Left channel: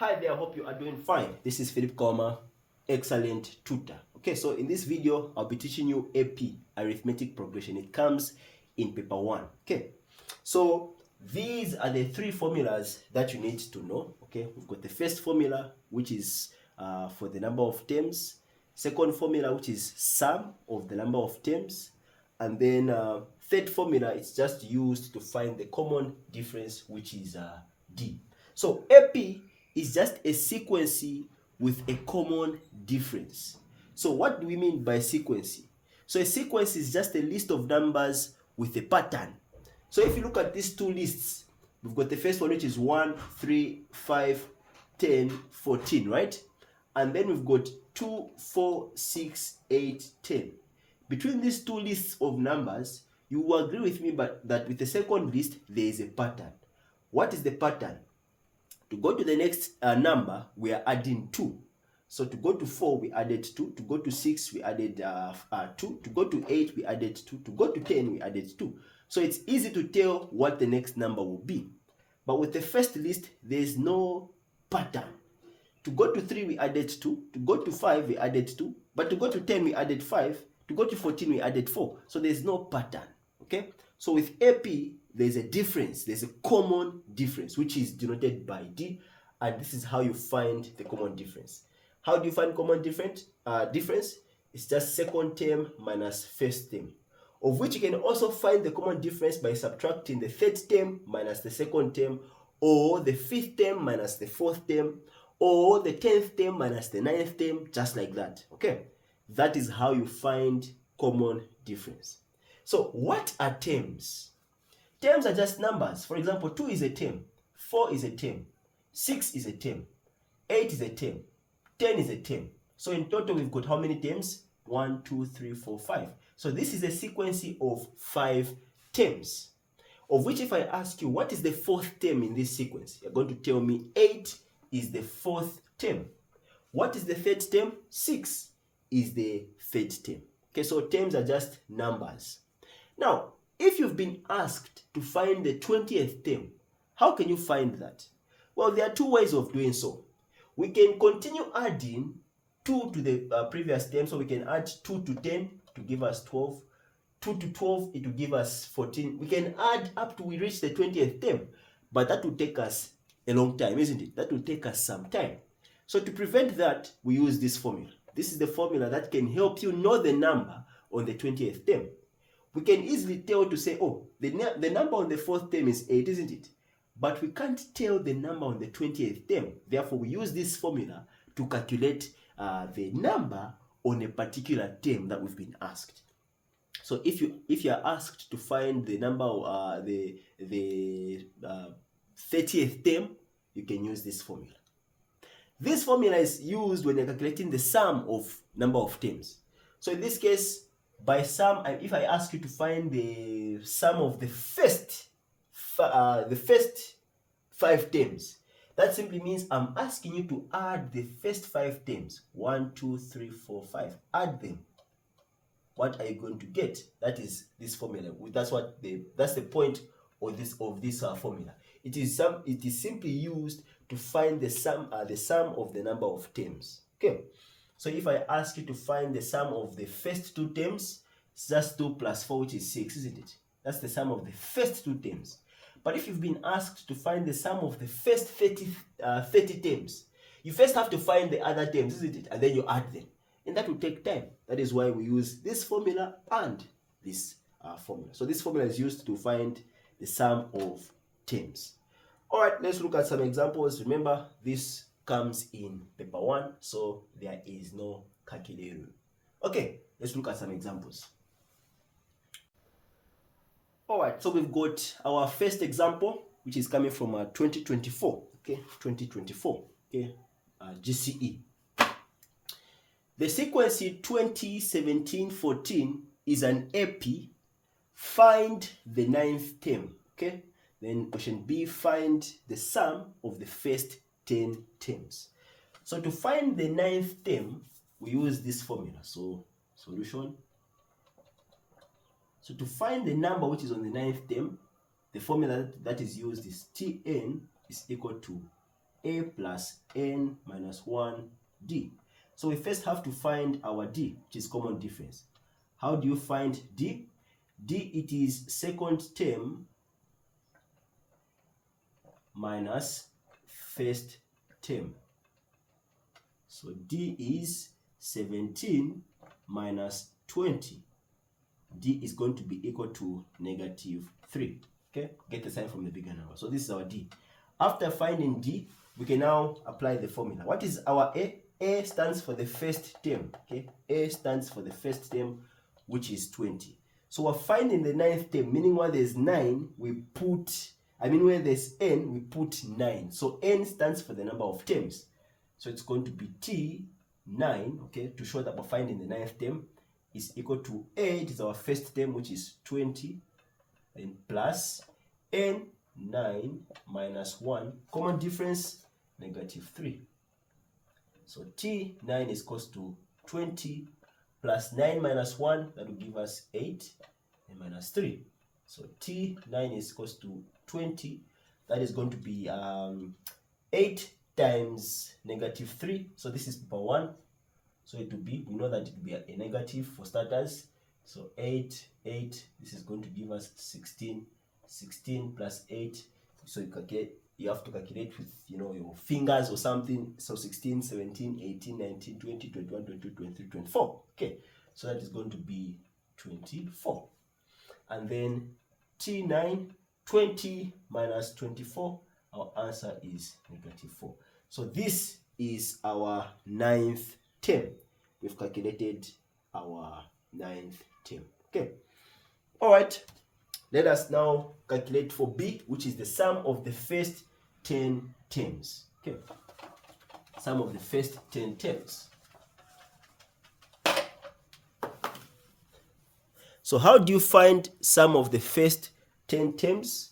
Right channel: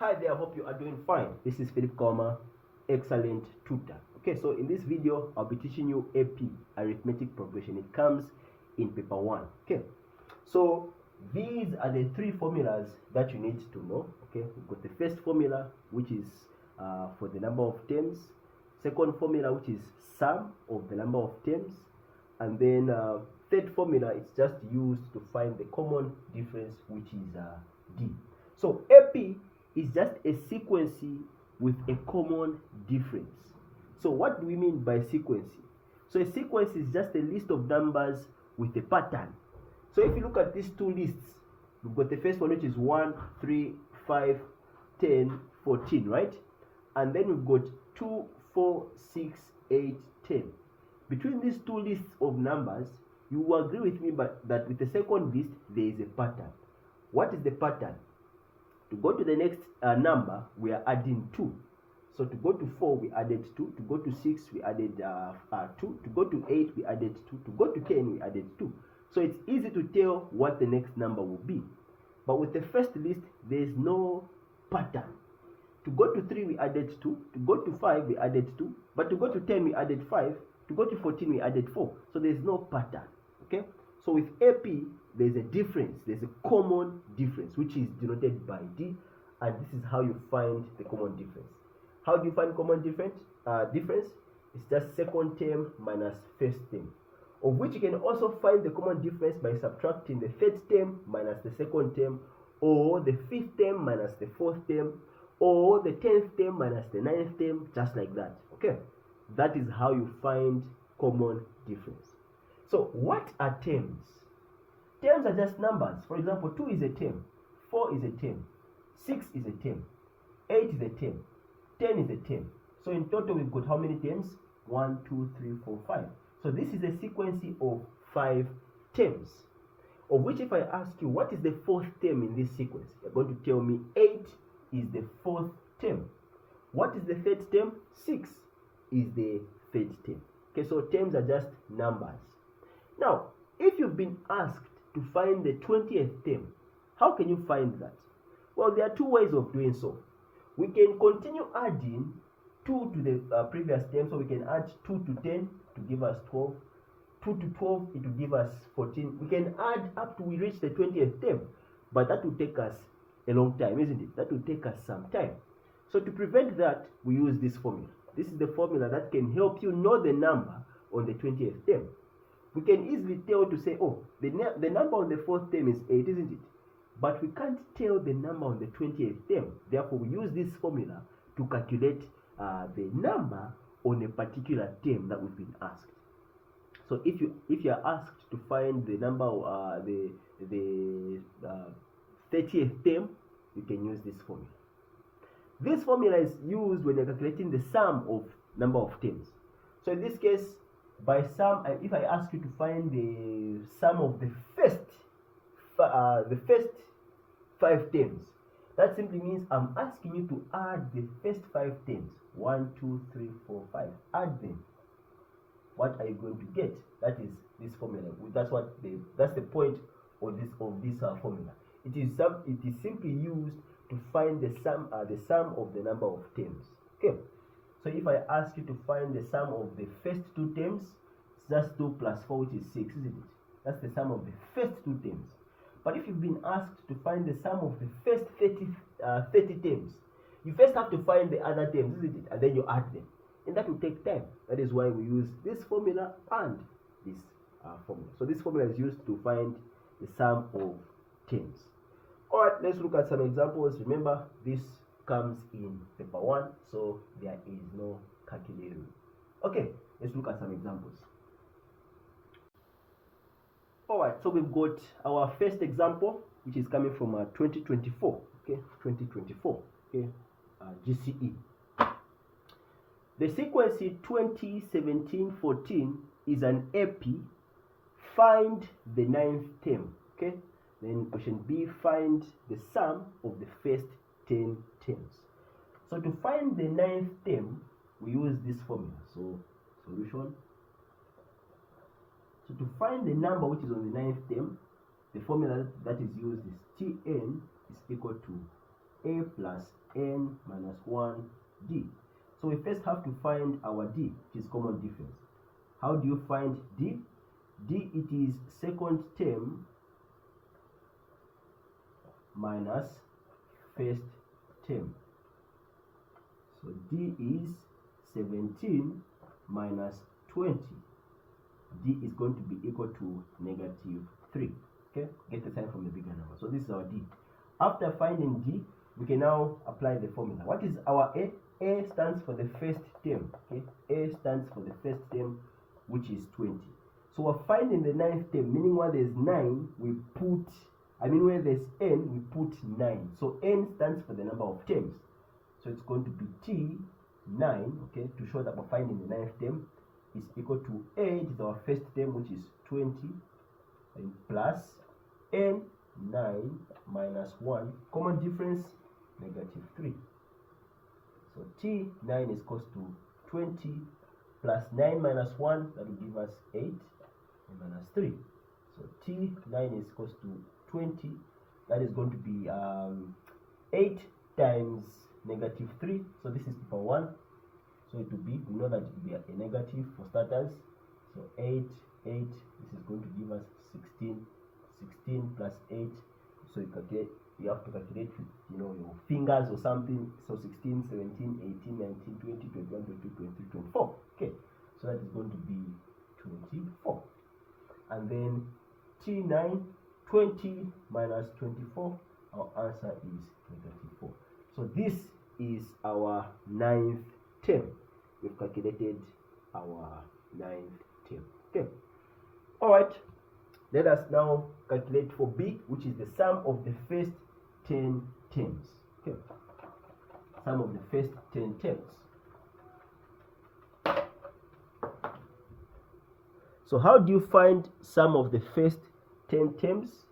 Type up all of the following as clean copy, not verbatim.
Hi there, I hope you are doing fine. This is Philip Koma, excellent tutor. Okay, so in this video, I'll be teaching you AP, arithmetic progression. It comes in paper 1. Okay, so these are the three formulas that you need to know. Okay, we've got the first formula, which is for the number of terms. Second formula, which is sum of the number of terms. And then third formula, it's just used to find the common difference, which is D. So AP is just a sequence with a common difference. So what do we mean by sequence? So a sequence is just a list of numbers with a pattern. So if you look at these two lists, we've got the first one, which is 1, 3, 5, 10, 14, right? And then we've got 2, 4, 6, 8, 10. Between these two lists of numbers, you will agree with me that with the second list, there is a pattern. What is the pattern? To go to the next number, we are adding 2. So to go to 4, we added 2. To go to 6, we added 2. To go to 8, we added 2. To go to 10, we added 2. So it's easy to tell what the next number will be. But with the first list, there is no pattern. To go to 3, we added 2. To go to 5, we added 2. But to go to 10, we added 5. To go to 14, we added 4. So there's no pattern. Okay? So with AP, there's a difference. There's a common difference, which is denoted by D. And this is how you find the common difference. How do you find common difference? It's just second term minus first term, of which you can also find the common difference by subtracting the third term minus the second term, or the fifth term minus the fourth term, or the 10th term minus the 9th term, just like that. Okay, that is how you find common difference. So what are terms? Terms are just numbers. For example, 2 is a term, 4 is a term, 6 is a term, 8 is a term, 10 is a term. So in total, we've got how many terms? 1, 2, 3, 4, 5. So this is a sequence of 5 terms, of which if I ask you, what is the fourth term in this sequence? You're going to tell me 8 is the fourth term. What is the third term? 6 is the third term. Okay, so terms are just numbers. Now, if you've been asked to find the 20th term, how can you find that? Well, there are two ways of doing so. We can continue adding 2 to the previous term, so we can add 2 to 10 to give us 12, 2 to 12, it will give us 14. We can add up to we reach the 20th term, but that will take us a long time, isn't it? That will take us some time. So to prevent that, we use this formula. This is the formula that can help you know the number on the 20th term. We can easily tell to say, oh, the number on the fourth term is 8, isn't it? But we can't tell the number on the 20th term. Therefore, we use this formula to calculate the number on a particular term that we've been asked. So if you are asked to find the number, the 30th term, you can use this formula. This formula is used when you're calculating the sum of number of terms. So in this case, by sum, if I ask you to find the sum of the first 5 terms, that simply means I'm asking you to add the first 5 terms. 1, 2, 3, 4, 5. Add them. What are you going to get? That is this formula. That's the point of this formula. It is simply used to find the sum of the number of terms. Okay. So if I ask you to find the sum of the first 2 terms, it's just 2 plus 4, which is 6, isn't it? That's the sum of the first 2 terms. But if you've been asked to find the sum of the first 30 terms, you first have to find the other terms, isn't it? And then you add them. And that will take time. That is why we use this formula and this formula. So this formula is used to find the sum of terms. All right, let's look at some examples. Remember, this comes in paper 1, so there is no calculator. Okay, let's look at some examples. All right, so we've got our first example, which is coming from 2024. Okay, 2024. Okay, GCE. The sequence 20, 17, 14 is an AP. Find the 9th term. Okay, then question B, find the sum of the first 10 terms. So to find the 9th term, we use this formula. So solution. So to find the number which is on the 9th term, the formula that is used is Tn is equal to a plus n minus 1d. So we first have to find our d, which is common difference. How do you find d? D, it is second term minus first term. So d is 17 minus 20. D is going to be equal to negative 3. Okay, get the sign from the bigger number. So this is our d. After finding d, we can now apply the formula. What is our a? A stands for the first term. Okay, a stands for the first term, which is 20. So we're finding the ninth term, meaning where there's 9, we put, where there's n, we put 9. So n stands for the number of terms. So it's going to be T9, okay, to show that we're finding the ninth term is equal to a, it is our first term, which is 20, and plus n9 minus 1, common difference, negative 3. So T9 is equals to 20 plus 9 minus 1, that will give us 8, and minus 3. So T9 is equals to 20, that is going to be 8 times negative 3. So this is paper 1. So it will be, we know that it will be a negative for starters. So 8, this is going to give us 16. 16 plus 8. So you have to calculate with your fingers or something. So 16, 17, 18, 19, 20, 21, 22, 23, 24. Okay, so that is going to be 24. And then T9, 20 minus 24, our answer is negative 4. So this is our ninth term. We've calculated our ninth term. Okay. All right. Let us now calculate for B, which is the sum of the first 10 terms. Okay. Sum of the first 10 terms. So how do you find sum of the first 10 terms?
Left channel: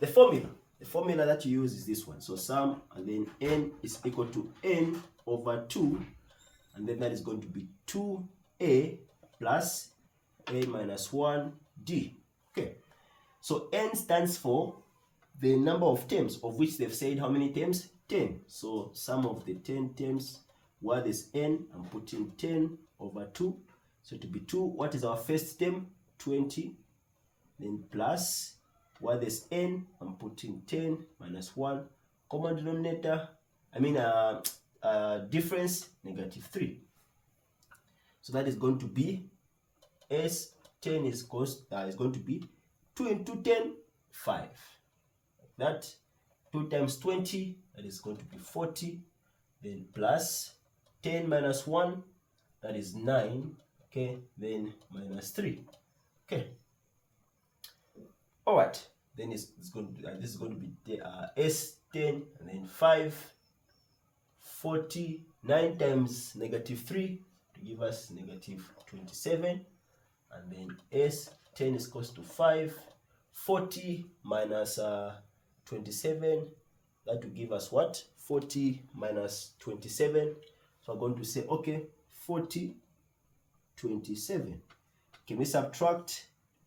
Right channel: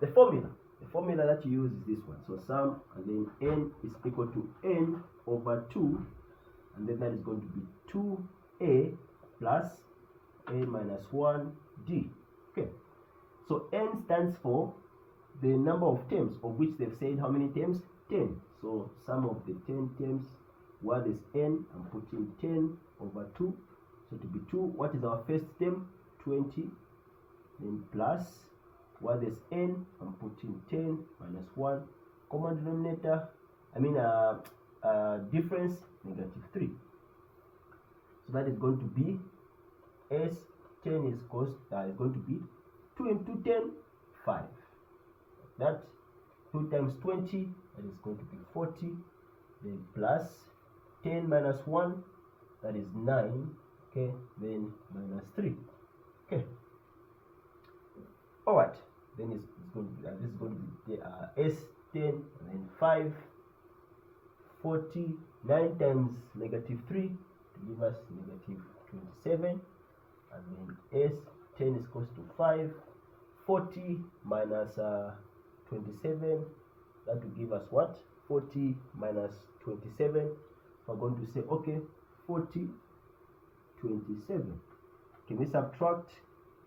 The formula that you use is this one. So sum, and then n is equal to n over 2, and then that is going to be 2a plus a minus 1d. Okay, so n stands for the number of terms, of which they've said how many terms? 10. So sum of the 10 terms, what is n? I'm putting 10 over 2. So to be 2, what is our first term? 20. Then plus, what is n? I'm putting 10 minus 1. Common denominator, difference, negative 3. So that is going to be S10 is going to be 2 into 10, 5. That 2 times 20, that is going to be 40. Then plus 10 minus 1, that is 9. Okay, then minus 3. Okay. All right. Then it's going to be, this is going to be S10, and then 5, 40, 9 times negative 3 to give us negative 27, and then S10 is equals to 5, 40 minus 27, that will give us what? 40 minus 27. So I'm going to say, okay, 40, 27. Can we subtract?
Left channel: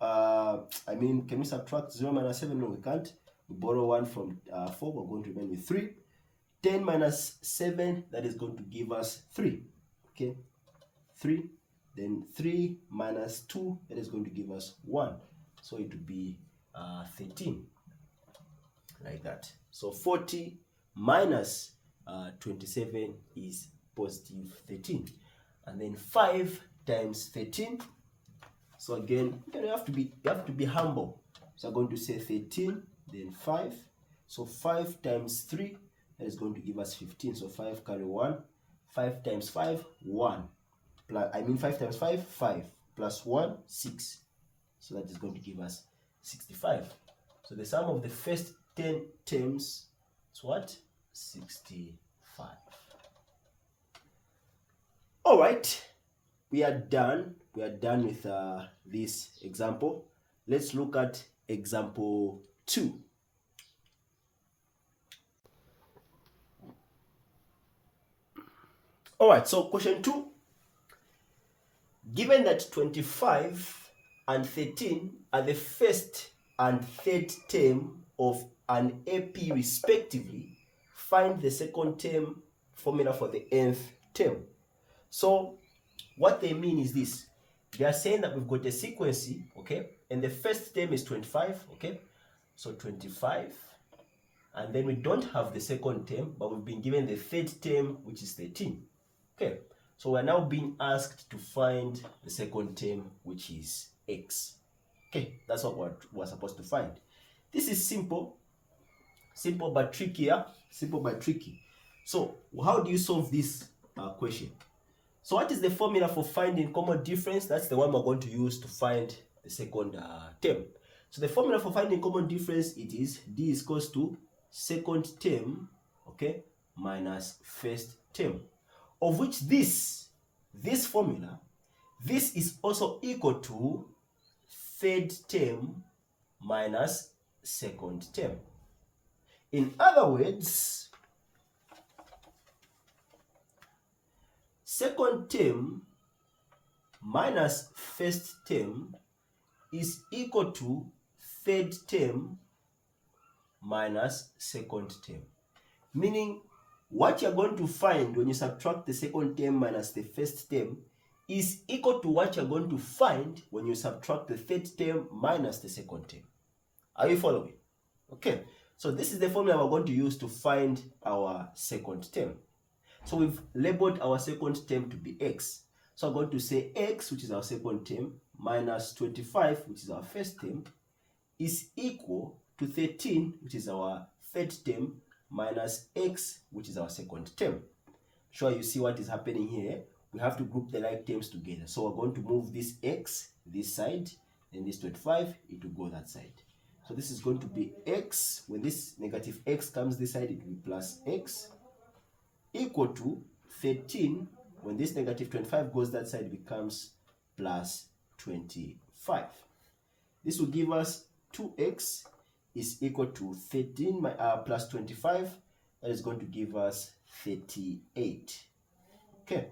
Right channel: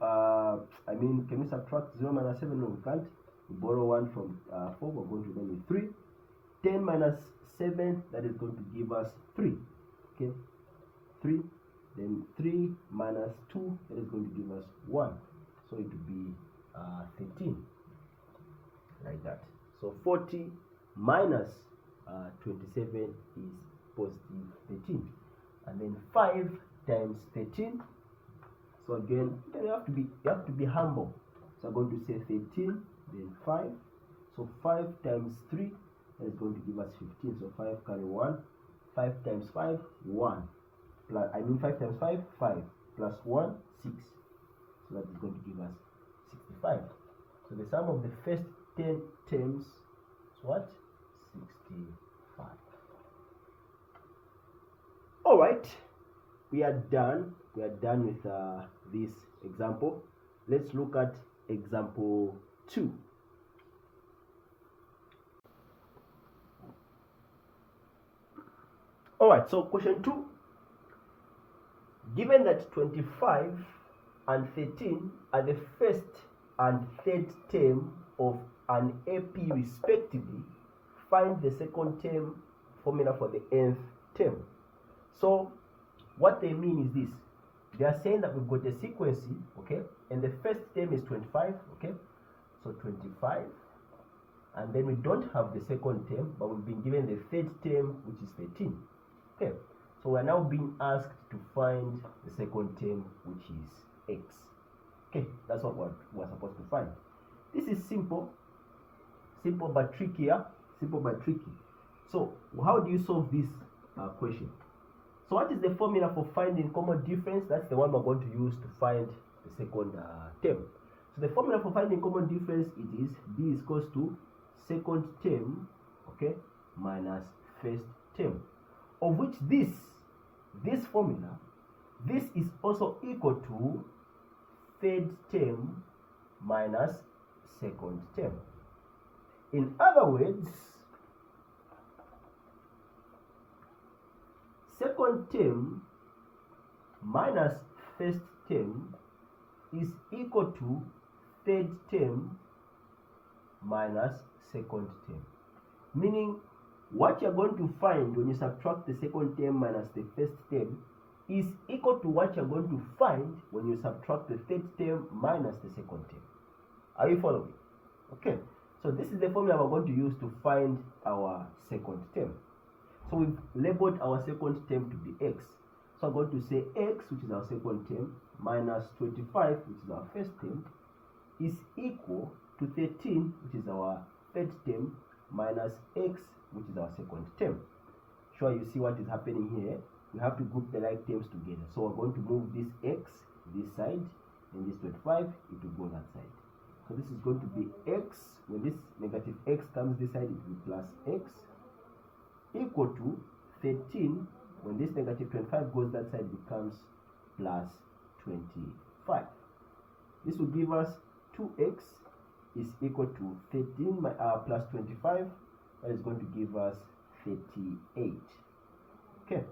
Can we subtract 0 minus 7? No, we can't. We borrow 1 from 4. We're going to remain with 3. 10 minus 7, that is going to give us 3. Okay, 3. Then 3 minus 2, that is going to give us 1. So it will be 13. Like that. So 40 minus 27 is positive 13. And then 5 times 13. So again, you have to be humble. So I'm going to say 13, then 5. So 5 times 3, that is going to give us 15. So 5 carry 1. 5 times 5, 1. 5 times 5, 5. Plus 1, 6. So that is going to give us 65. So the sum of the first 10 terms is what? 65. All right. We are done. We are done with this example. Let's look at example 2. All right, so question 2. Given that 25 and 13 are the first and third term of an AP respectively, find the second term formula for the nth term. So what they mean is this. They are saying that we've got a sequence, okay, and the first term is 25, okay, so 25, and then we don't have the second term, but we've been given the third term, which is 13, okay. So we're now being asked to find the second term, which is x. Okay, that's what we're supposed to find. This is simple but trickier. Simple but tricky. So how do you solve this question? So what is the formula for finding common difference? That's the one we're going to use to find the second term. So the formula for finding common difference, it is d is equals to second term, okay, minus first term, of which this formula, this is also equal to third term minus second term. In other words, second term minus first term is equal to third term minus second term. Meaning, what you're going to find when you subtract the second term minus the first term is equal to what you're going to find when you subtract the third term minus the second term. Are you following? Okay, so this is the formula we're going to use to find our second term. So we've labeled our second term to be x. So I'm going to say x, which is our second term, minus 25, which is our first term, is equal to 13, which is our third term, minus x, which is our second term. Sure, you see what is happening here. We have to group the like terms together. So we're going to move this x this side, then this 25, it will go that side. So this is going to be x. When this negative x comes this side, it will be plus x, equal to 13. When this negative 25 goes that side, it becomes plus 25. This will give us 2x is equal to 13 plus 25. That is going to give us 38. Okay,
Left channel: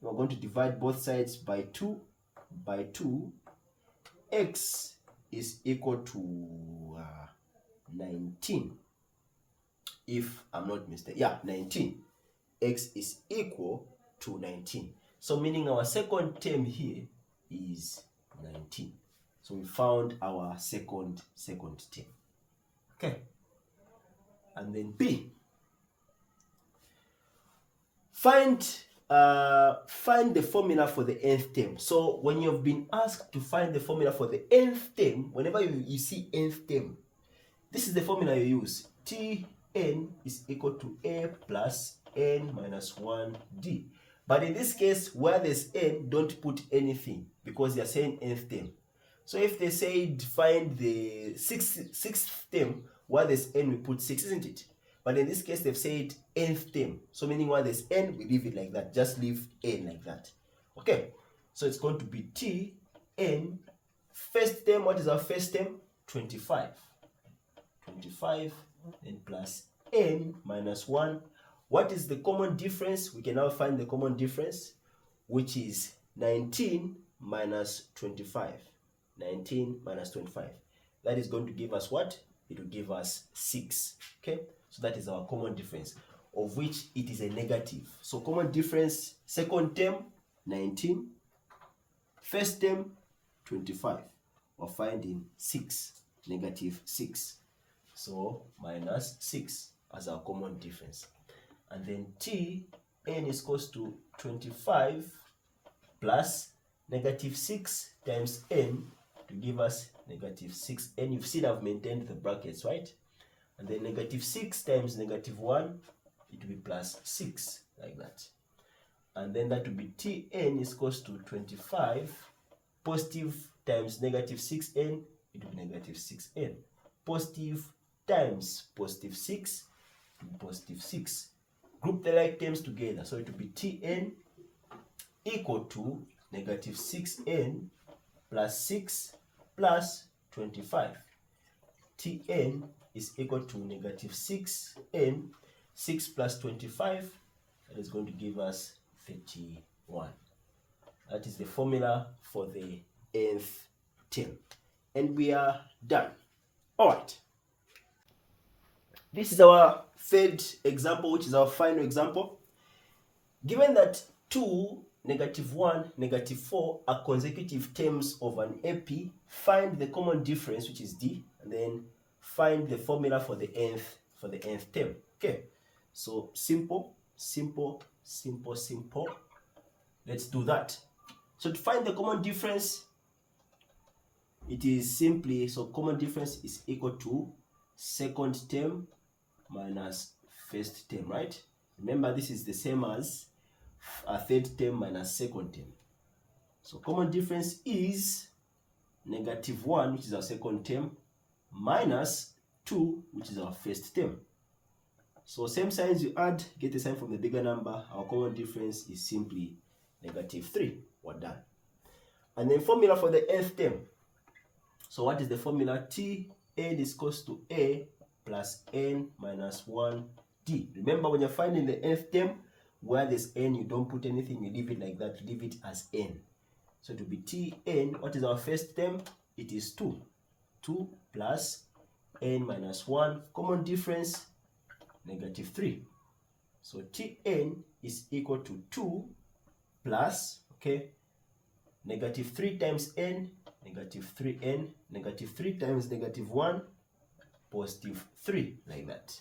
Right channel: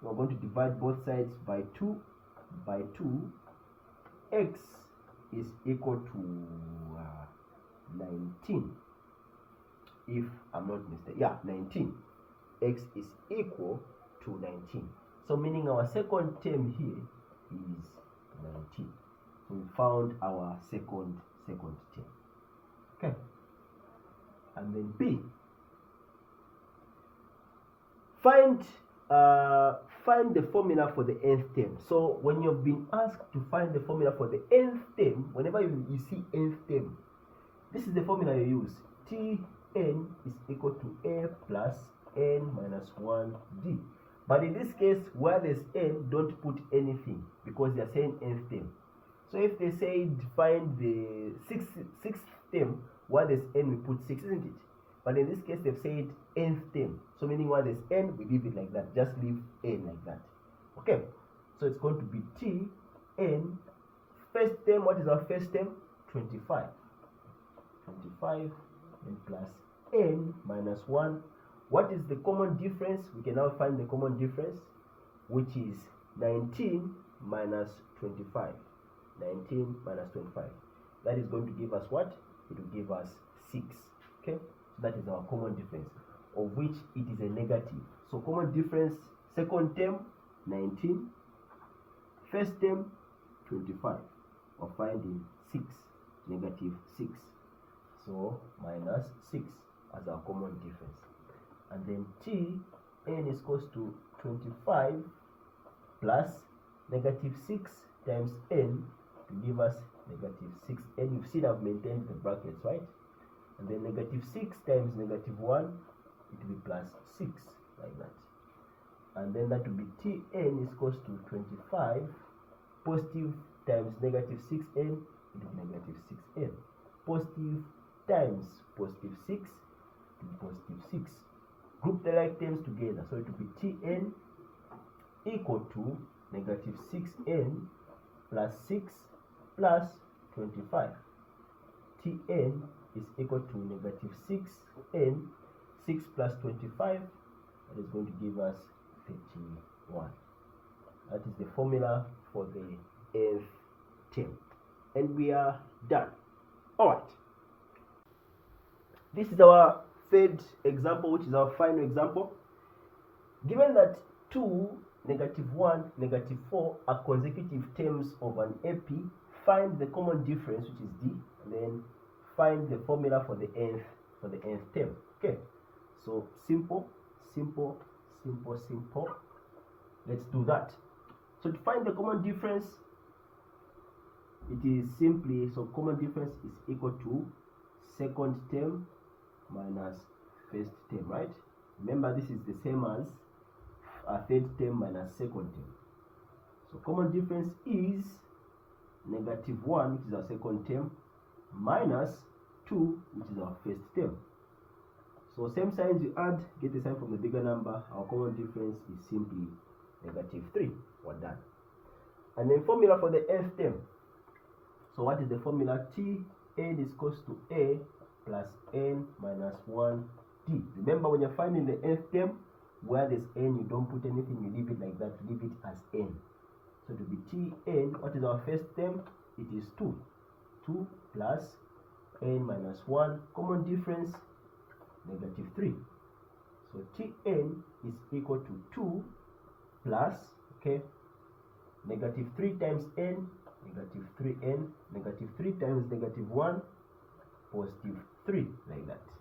we're going to divide both sides by 2. By 2, x is equal to 19. If I'm not mistaken, yeah, 19. X is equal to 19. So meaning our second term here is 19. So we found our second term. Okay. And then B. Find the formula for the nth term. So when you've been asked to find the formula for the nth term, whenever you see nth term, this is the formula you use. Tn is equal to a plus n minus 1d. But in this case, where there's n, don't put anything because they're saying nth term. So if they said find the sixth term, where there's n, we put 6, isn't it? But in this case, they've said nth term. So meaning where there's n, we leave it like that. Just leave n like that. Okay. So it's going to be Tn. First term, what is our first term? 25. 25 and plus n minus 1. What is the common difference? We can now find the common difference, which is 19 minus 25. 19 minus 25. That is going to give us what? It will give us 6. Okay? So that is our common difference, of which it is a negative. So common difference, second term, 19. First term, 25. We're finding 6, negative 6. So minus 6 as our common difference. And then Tn is equals to 25 plus negative 6 times n to give us negative 6n. You've seen I've maintained the brackets, right? And then negative 6 times negative 1, it will be plus 6, like that. And then that will be Tn is equals to 25 positive times negative 6n, it will be negative 6n. Positive times positive 6, it will be positive 6. Group the like terms together. So it will be Tn equal to negative 6n plus 6 plus 25. Tn is equal to negative 6n, 6 plus 25, that is going to give us 31. That is the formula for the nth term. And we are done. Alright. This is our third example, which is our final example. Given that 2, -1, -4 are consecutive terms of an AP, find the common difference, which is D, and then find the formula for the nth term. Okay, so simple. Let's do that. So to find the common difference, it is simply, so common difference is equal to second term minus first term, right? Remember, this is the same as a third term minus second term. So common difference is -1, which is our second term, minus 2, which is our first term. So same signs you add, get a sign from the bigger number. Our common difference is simply -3. We're done. And then formula for the nth term. So what is the formula? Tn is equals to A plus n minus 1d. Remember, when you're finding the nth term, where there's n, you don't put anything, you leave it like that, you leave it as n. So to be Tn, what is our first term? It is 2. 2 plus n minus 1, common difference, -3. So Tn is equal to 2 plus, okay, -3 times n, -3n, -3 times -1, +3, like that.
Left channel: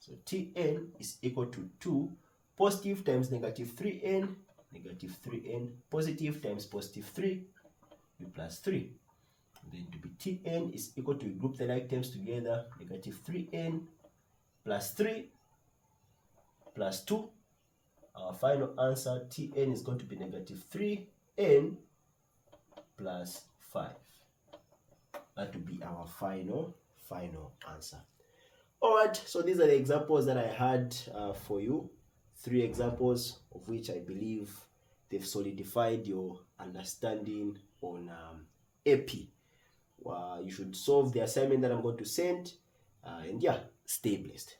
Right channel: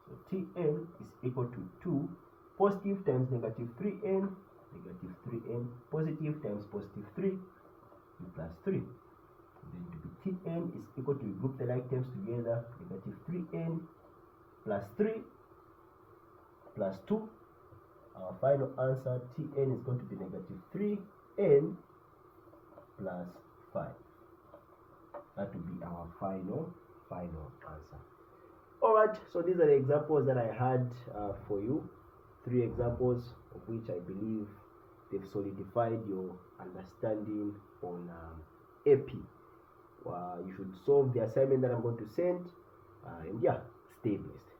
So Tn is equal to 2 positive times -3n, -3n, positive times +3, plus 3. And then to be Tn is equal to, group the like terms together, -3n plus 3 plus 2. Our final answer, Tn is going to be -3n plus 5. That will be our final answer. Alright, so these are the examples that I had for you. 3 examples of which I believe they've solidified your understanding on AP. You should solve the assignment that I'm going to send, and yeah, stay blessed.